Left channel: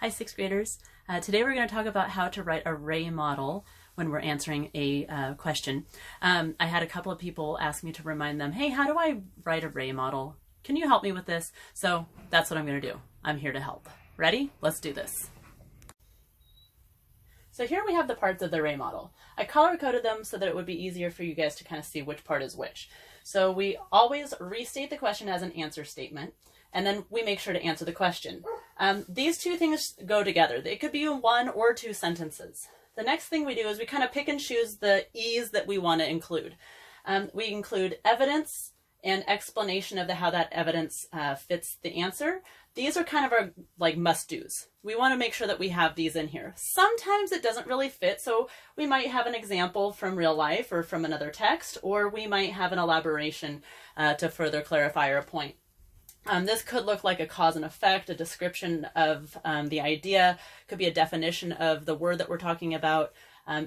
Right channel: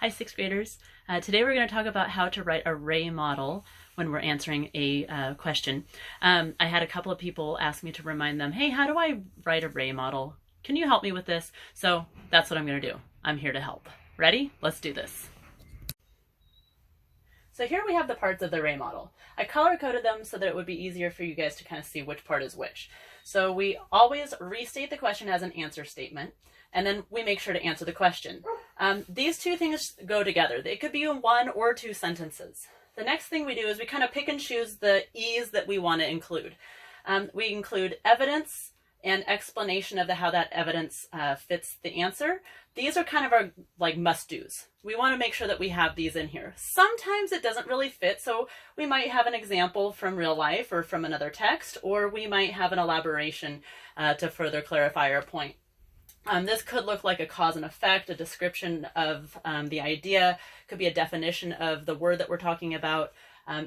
Hi, sixth graders. Today we're going to talk about how to write a RAEEEE model when we're answering a question. I had a couple of people ask me to remind them, hey, how do I write a RAEEEE model? Can you help me with this? So that's what I'm going to do. I'm here to help. Ready? Let's do this. So here we have the parts of the RAEEEE model. I color-coded them so that it would be easier for you guys to kind of see which part is which. So we always restate the question as an answer statement, and then we make sure to answer the question. These two things go together. They could be in one or two sentences. The next thing we do is we kind of pick and choose the E's that we want to include. We include evidence and explanation of how that evidence fits the answer. These are kind of our must-dos. We want to make sure that we have these in here. Sometimes it doesn't really fit, so we might have an example from real life or from another text, or we might have an elaboration to further clarify our point. This could look like a cause and effect, a description of the idea, could be a definition of the word that we're talking about,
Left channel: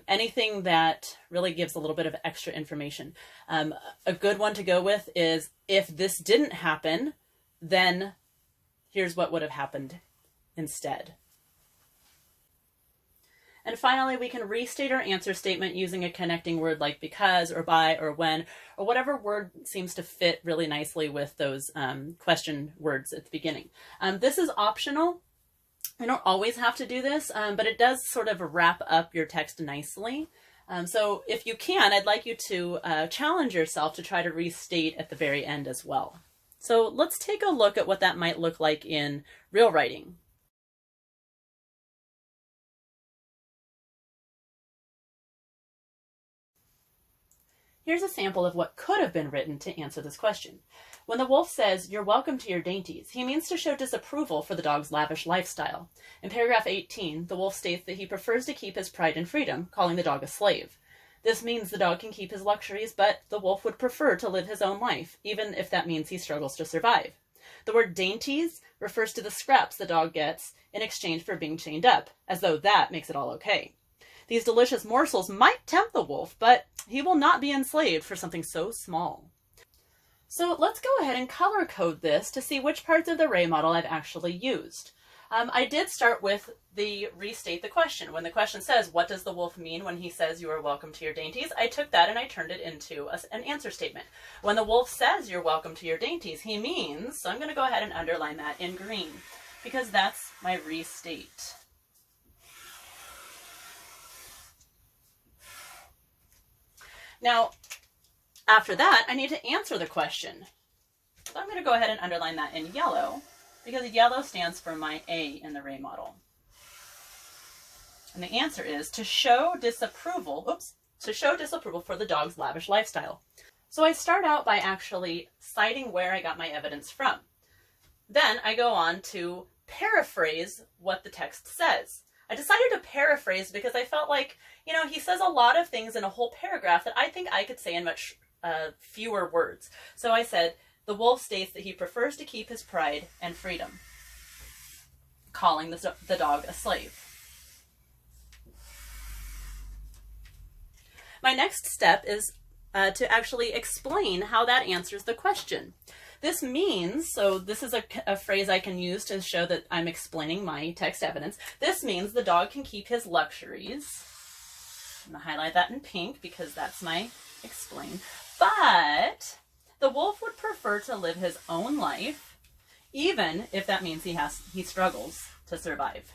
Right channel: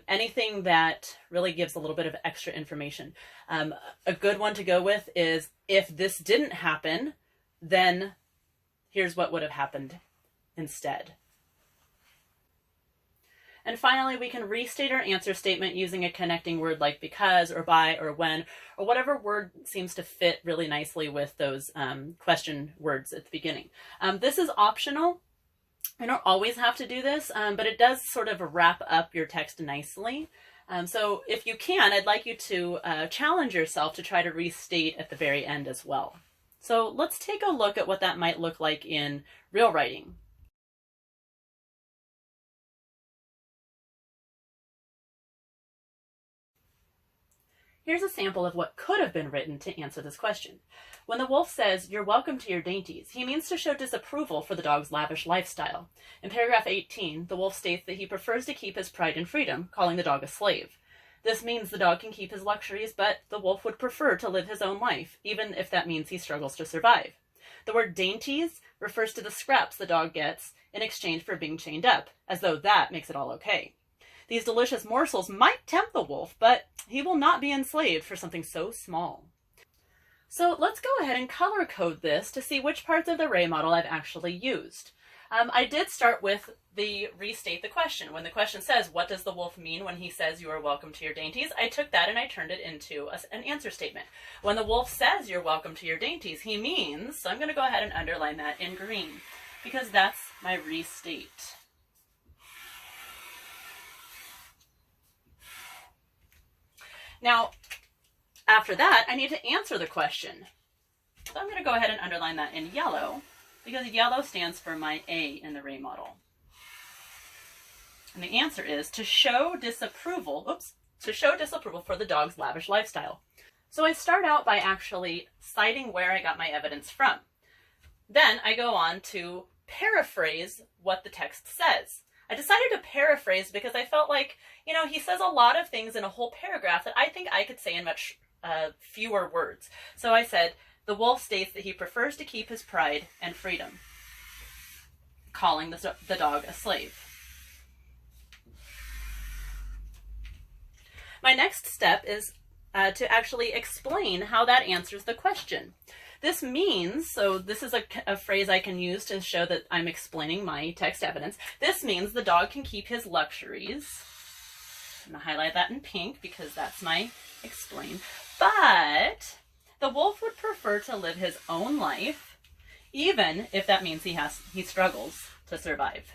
anything that really gives a little bit of extra information. A good one to go with is, if this didn't happen, then here's what would have happened instead. And finally, we can restate our answer statement using a connecting word like because or by or when, or whatever word seems to fit really nicely with those question words at the beginning. This is optional. You don't always have to do this, but it does sort of wrap up your text nicely. So if you can, I'd like you to challenge yourself to try to restate at the very end as well. So let's take a look at what that might look like in real writing. Here's a sample of what could have been written to answer this question. When the wolf says, "You're welcome to your dainties," he means to show disapproval for the dog's lavish lifestyle. In paragraph 18, the wolf states that he prefers to keep his pride and freedom, calling the dog a slave. This means the dog can keep his luxuries, but the wolf would prefer to live his own life, even if that means he struggles to survive. The word dainties refers to the scraps the dog gets in exchange for being chained up, as though that makes it all okay. These delicious morsels might tempt the wolf, but he will not be enslaved for something so small. So let's go ahead and color code this to see which parts of the RAEEEE model I've actually used. I did start with the restate the question. When the question says, what does the wolf mean when he says you are welcome to your dainties? I took that and I turned it into an answer statement. When the wolf says you're welcome to your dainties, he means, so I'm going to go ahead and underline that in green, because that's my restate. Now, after that, I need to answer the question. So I'm going to go ahead and underline that in yellow, because yellow stands for my A in the RAEEEE model. And the answer is to show disapproval, for the dog's lavish lifestyle. So I start out by actually citing where I got my evidence from. Then I go on to paraphrase what the text says. I decided to paraphrase because I felt like, he says a lot of things in a whole paragraph that I think I could say in much fewer words. So I said, the wolf states that he prefers to keep his pride and freedom, calling the dog a slave. My next step is to actually explain how that answers the question. This means, so this is a phrase I can use to show that I'm explaining my text evidence. This means the dog can keep his luxuries. I'm going to highlight that in pink because that's my explain. But the wolf would prefer to live his own life, even if that means he struggles to survive.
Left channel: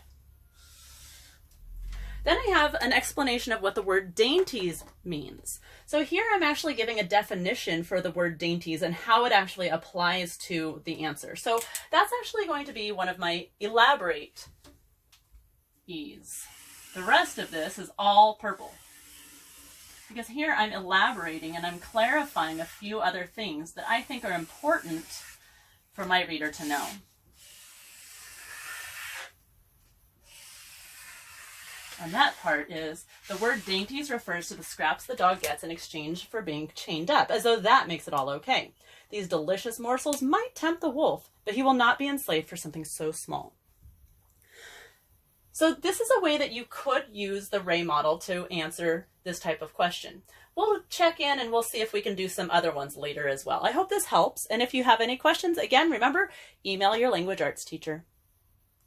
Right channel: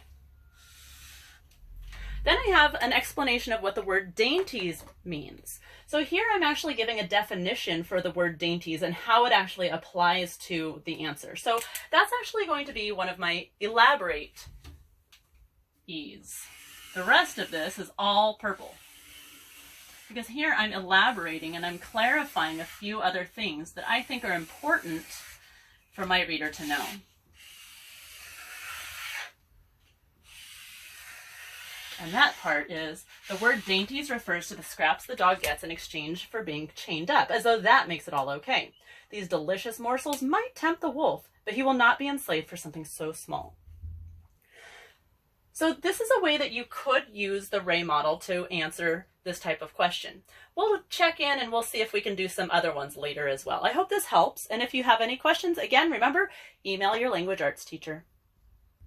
Then I have an explanation of what the word dainties means. So here I'm actually giving a definition for the word dainties and how it actually applies to the answer. So that's actually going to be one of my elaborate E's. The rest of this is all purple, because here I'm elaborating and I'm clarifying a few other things that I think are important for my reader to know. And that part is, the word dainties refers to the scraps the dog gets in exchange for being chained up, as though that makes it all okay. These delicious morsels might tempt the wolf, but he will not be enslaved for something so small. So this is a way that you could use the RAEEEE model to answer this type of question. We'll check in and we'll see if we can do some other ones later as well. I hope this helps. And if you have any questions, again, remember, email your language arts teacher.